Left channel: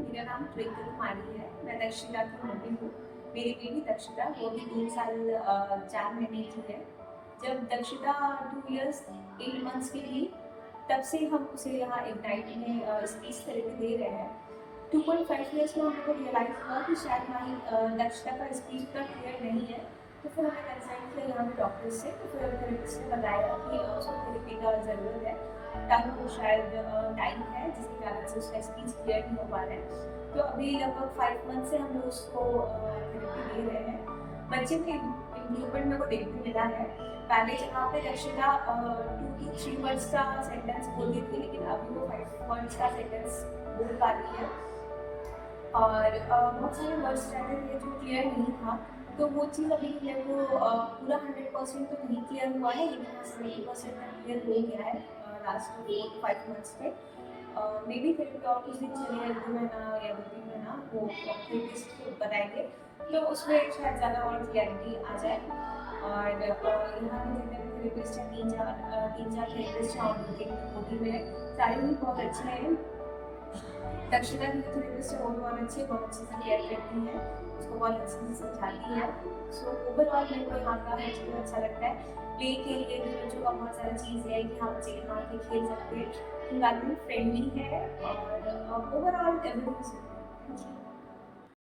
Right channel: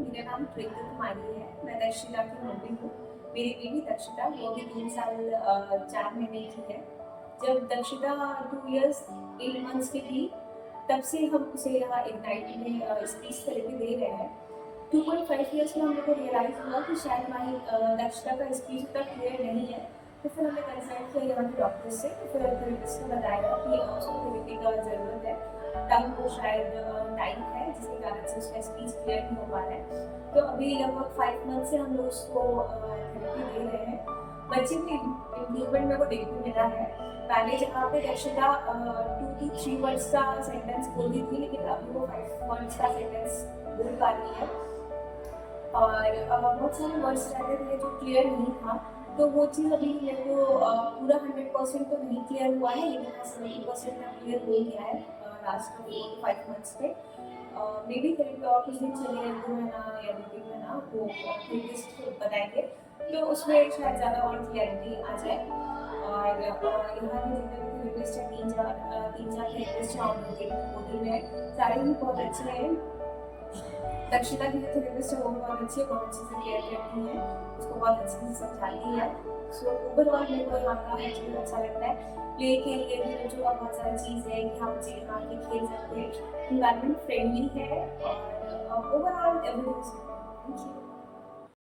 मेरा नाम ट्विंकल कुमारी है। मैं दक्षिता की मम्मी हूँ। मेरी बेटी दक्षिता वो अभी 3 साल 4 महीने की है। जब दक्षिता 2 इयर्स 8 मंथ्स की थी, तब से हम उसे यहाँ इग्नाइट में स्पीच थेरेपी दे रहे हैं। 2.5 इयर्स में हम लोग को रियलाइज़ हुआ कि शायद हमारी दक्षिता का स्पीच उतना क्लियर नहीं है। तो फिर हमने कंसल्ट किया यहाँ के डॉक्टर से। फिर थेरेपिस्ट ने बताया कि उसको थेरेपी का ज़रूरत है। टंग को शायद टाइम है जिसके कारण से उसका स्पीच क्लियर नहीं हो पा रहा है। तो अभी लगभग 5 मंथ से हम लोग उसको थेरेपी दे रहे हैं। बच्चे में इम्प्रूवमेंट मेरे को देखने मिला है। पहले जहाँ पे दक्षिता 2 to 3 वर्ड्स का सेंटेंस बोलती थी, लेकिन अभी वो 5 वर्ड्स का सेंटेंस बोल पा रही है। और बहुत सारे वर्ड्स रहते थे जो क्लियर नहीं था। तो वो चीज़ अभी मेरे को पूरा 100% तो नहीं क्लियर हुआ है, लेकिन हाँ 70% तक क्लियर हो गया है लास्ट 4 to 5 मंथ्स में। मे बी थेरेपी और कुछ दिन चले, 1-2 महीना या 2-3 महीना, वो थेरेपिस्ट बताएंगे। तो उसमें शायद ज़्यादा और क्लियरिटी आ जाए। और यहाँ के जितने भी थेरेपिस्ट हैं, 3-4 थेरेपिस्ट हैं ऑलरेडी में, सारे ही बहुत अच्छे हैं। दक्षिता की जो थेरेपिस्ट है वो बहुत अच्छी से केयर करती है, उसको बहुत अच्छे से समझाती है। सो ओवरऑल मेरे को यहाँ का हर चीज़ अच्छा लगता है। प्ले के लिए भी बच्चों का बहुत सारा चीज़ है कि हाँ बच्चे यहाँ आके खेल सकते हैं, इन्वायरमेंट फ्रेंडली है और ओवरऑल एवरीथिंग। Thank you.